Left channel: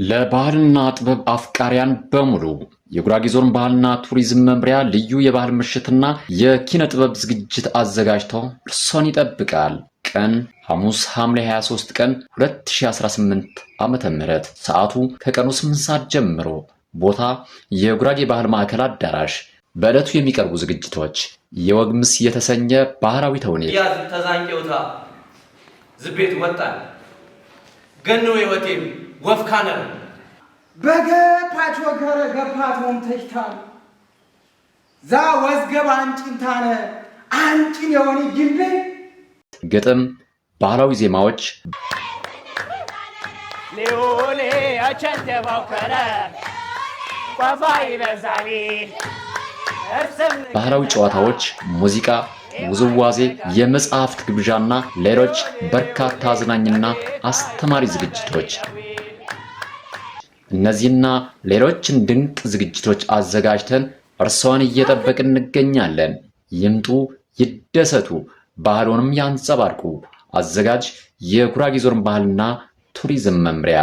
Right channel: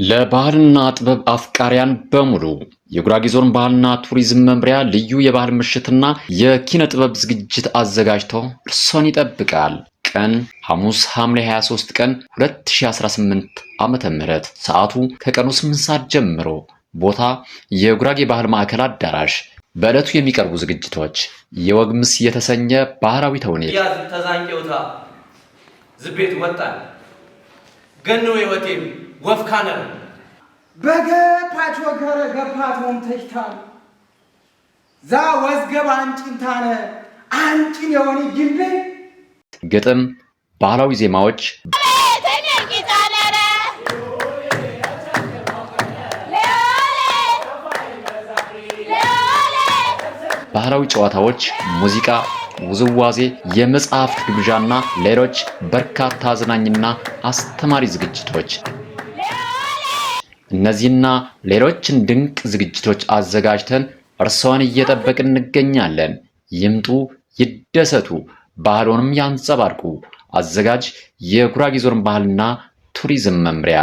ለባህልና ጥበብ አፍቃሪያን በሙሉ የጉራጌ ዞን ባህልና ቱሪዝም መምሪያ ልዩ የባህል ምሽትና የኪነ ጥበብ ዝግጅት አዘጋጅቶ እርሶን ይጠብቃል። ቀን ሐሙስ ሐምሌ 23 ቀን 2018 ዓ.ም ሰዓቱ ከቀኑ 8 ሰዓት ጀምሮ። ቦታ የጉራጌ ባህል ማዕከል አዳራሽ። በዕለቱ የሚቀርቡ ዝግጅቶች የወግ ምስ የተሰኘ ባህላዊ ተውኔት ያዝ ተዛንቄውታ ዝቤት ወጣን ገኖ የወቴም ወፍካነ በገፓች ወገረ ገፓት ወምተሽታል ዛ ወዝገብ አንጭንታነ አንጭን የሆነ ግንቤ ግጥም፣ ባህላዊ ዜማዎች፣ ባህላዊ ጨዋታዎች፣ ሙዚቃ፣ ውዝዋዜ፣ የመጽሐፍት ግብዣና ሌሎች በርካታ አዝናኝና አስተማሪ ዝግጅቶች። እነዚህና ሌሎችን ድንቅ ዝግጅቶች አዘጋጅተን እርሶን እየጠበቅን እንገኛለን። ይምጡ፣ ይደሰቱ፣ ባህሉንም ያንጸባርቁ። አዘጋጅ የጉራጌ ዞን ባህልና ቱሪዝም መምሪያ።